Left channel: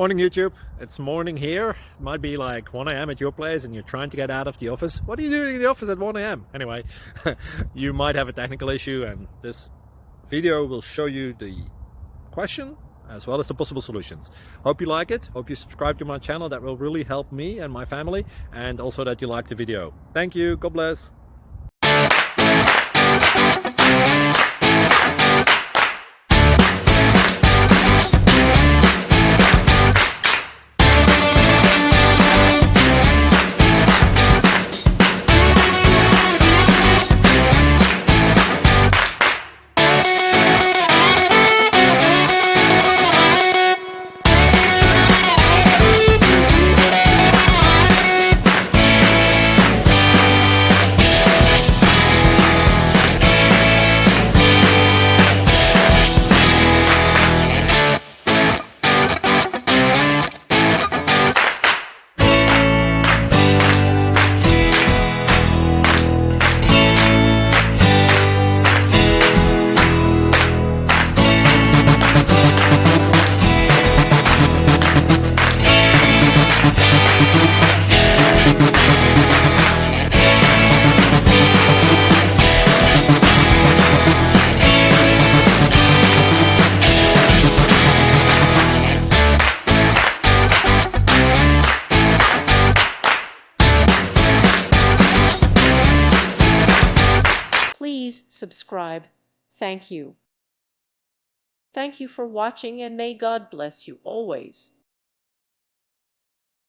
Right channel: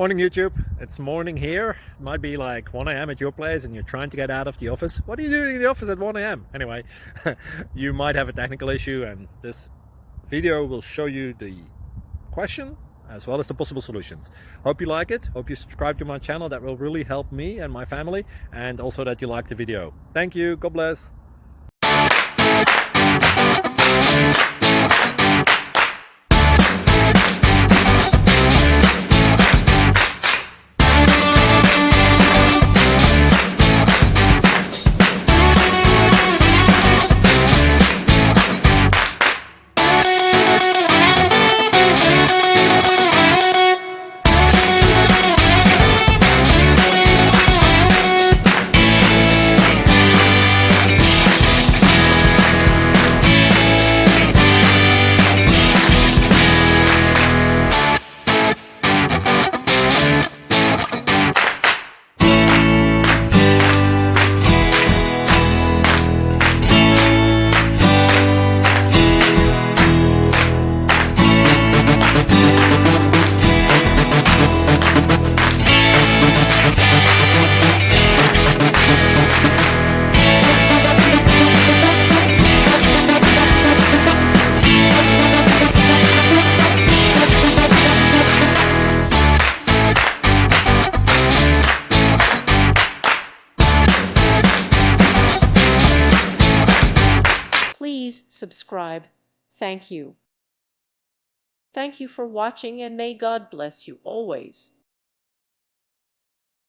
Morning YouTube, it's morning here. It might be like 1 a.m. at your place and you're trying to get out of the office. What are you doing in the office at 1 a.m.? Anyway, you might have a technical issue and this video will show you the question as well as the possible solutions. Hope you like it, hope you subscribe to my channel. That will really help me and my family, and also that you like the video. Thank you, God bless. Please subscribe. Thank you. Thank you for watching, and may God bless you always.